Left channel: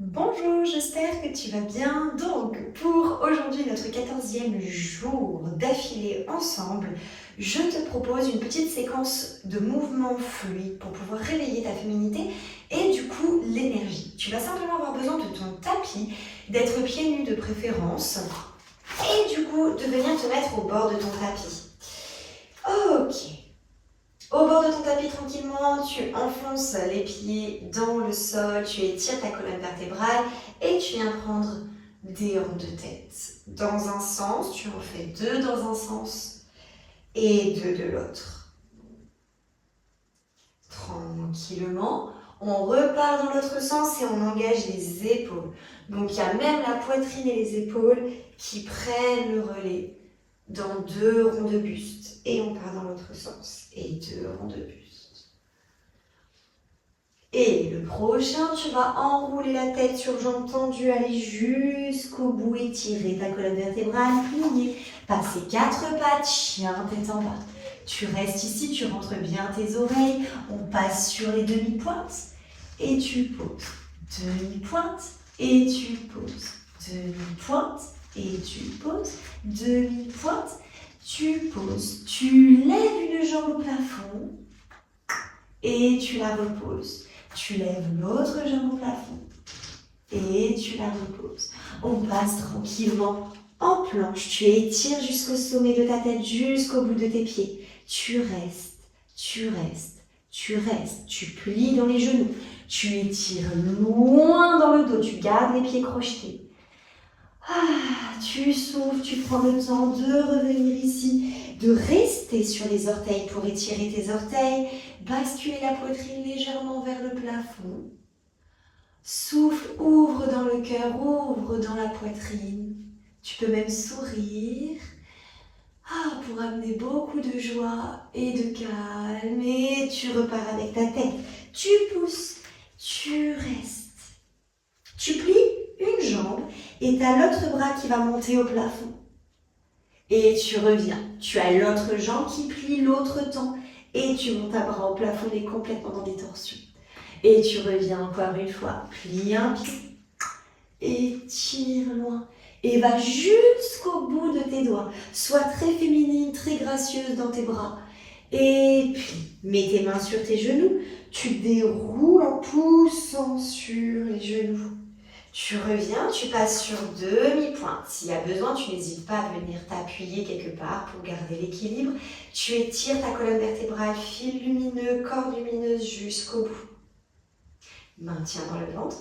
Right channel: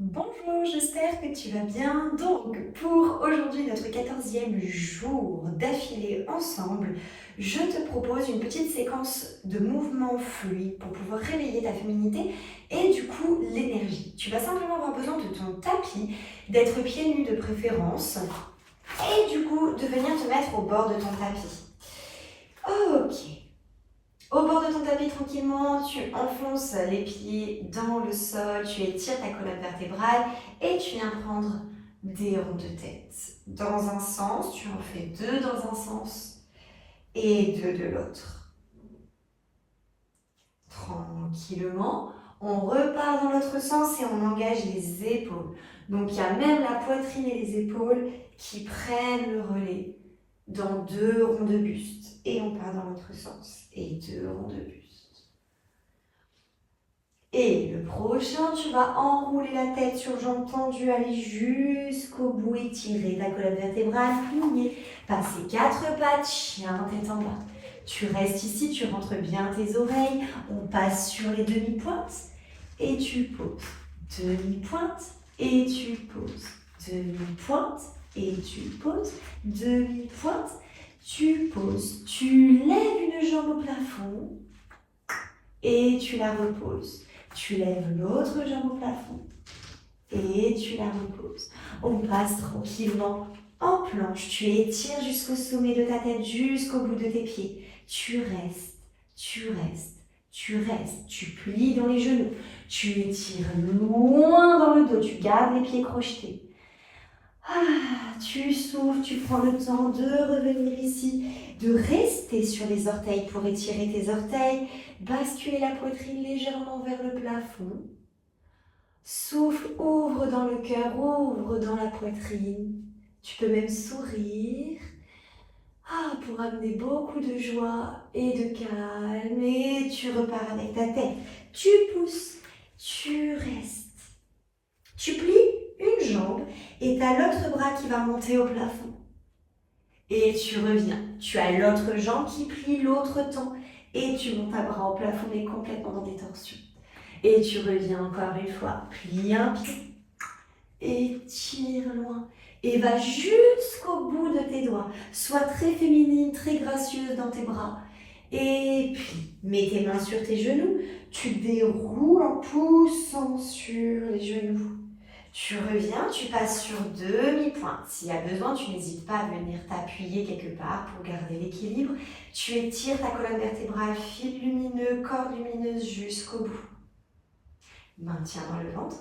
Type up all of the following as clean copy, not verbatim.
Bonjour, j'espère que tu vas bien. Donc, pour aujourd'hui, notre 14e jour d'affilée ensemble, je te propose une petite séquence de mouvements fluides pour pouvoir réveiller ta féminité et du coup l'énergie. Tu vas simplement avoir besoin de ton tapis, d'être pieds nus de préférence et du coup de venir te mettre au bord de ton tapis. Ok. Au bord de ton tapis tranquillement, tu enfonces les pieds dans le sol, tu étires ta colonne vertébrale et tu viens prendre des ronds de tête. Dans un sens, tu en fais deux dans un sens et deux de l'autre. Tranquillement, on repart dans l'autre sens et on engage les épaules. Donc il y a même la poitrine et les épaules qui prennent le relais dans deux ronds de buste. Et on part dans l'autre sens et deux ronds de buste. Et le prochain, tu vas enrouler la tête sur jambes tendues, aller jusqu'au bout, étirer ta colonne vertébrale, plier, passer quatre pattes, chien, tête en bas. Tu restes ici, tu rentres bien tes oreilles, on passe sur les demi-pointes et tu poses. Demi-pointe et tu poses. Demi-pointe et tu poses. Demi-pointe, tu poses. Tu lèves une jambe au plafond et tu la reposes. Tu lèves l'autre jambe au plafond et tu la reposes. On passe tranquillement en planche. Tu étires jusqu'au sommet de ta tête, jusqu'au bout de tes pieds. Tu restes, tu restes, tu restes. Tu plies dans les genoux. Tu étires loin dans le dos. Tu gardes les pieds crochetés. Tu souffles, tu prends le temps de revenir ici, de rester sur les orteils pour étirer tes orteils, basculer la poitrine légèrement vers le plafond. Souffle, ouvre dans le cœur, ouvre dans la poitrine. Tu peux même sourire pour amener beaucoup de joie et de calme. Et tu repars avec ta tête. Tu pousses, tu restes. Tu plies une jambe et tu as l'autre bras qui va monter au plafond. Et tu reviens. Tu as l'autre jambe qui plie, l'autre tend. Et tu montes un bras au plafond mais complètement dans des torsions. Et tu reviens encore une fois. Plie un pied. Étire loin. Et va jusqu'au bout de tes doigts. Sois très féminine, très gracieuse dans tes bras. Et puis, mets tes mains sur tes genoux. Tu déroules en poussant sur les genoux. Tu reviens, tu passes sur demi-pointe. S'il y a besoin, tu n'hésites pas à venir t'appuyer quelque part pour garder l'équilibre. Tu étires ta colonne vertébrale, fil lumineux, corde lumineuse jusqu'au bout. Maintiens dans le ventre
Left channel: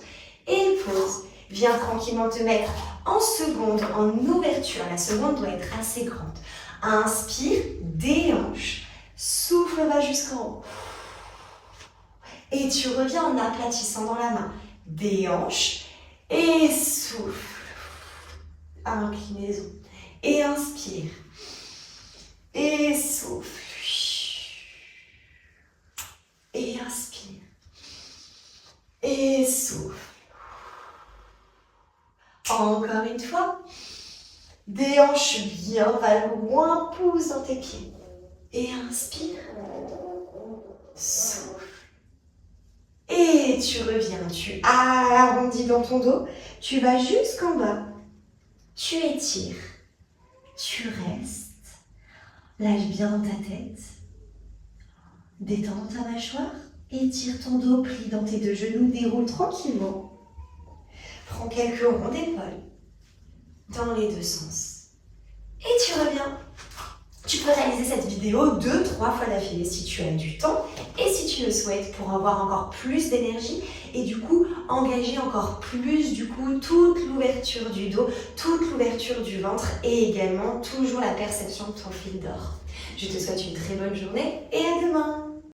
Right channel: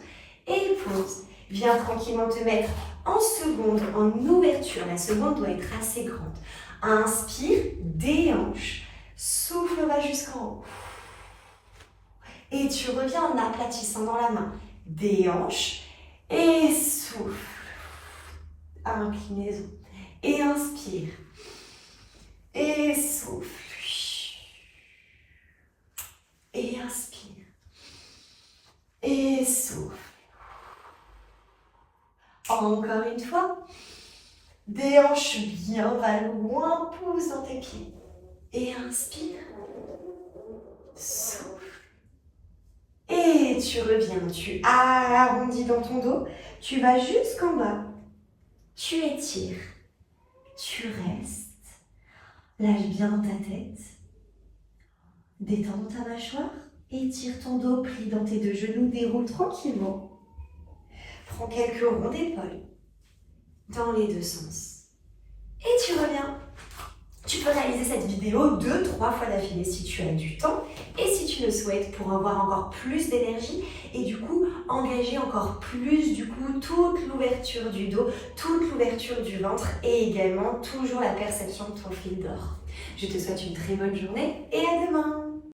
et pose. Viens tranquillement te mettre en seconde, en ouverture. La seconde doit être assez grande. Inspire, déhanche. Souffle, va jusqu'en haut. Et tu reviens en aplatissant dans la main. Déhanche. Et souffle, inclinaison, et inspire, et souffle, et inspire, et souffle. Encore une fois, déhanche bien, va loin, pousse dans tes pieds, et inspire, souffle. Et tu reviens, tu arrondis dans ton dos, tu vas jusqu'en bas, tu étires, tu restes, lâche bien dans ta tête, détends ta mâchoire, étire ton dos, plie dans tes deux genoux, déroule tranquillement, prends quelques ronds d'épaule dans les deux sens et tu reviens. Tu peux réaliser cette vidéo 2-3 fois d'affilée si tu as du temps et si tu le souhaites pour avoir encore plus d'énergie et du coup engager encore plus toute l'ouverture du dos, toute l'ouverture du ventre et également toujours la perception de ton fil d'or. Je te souhaite une très bonne journée et à demain.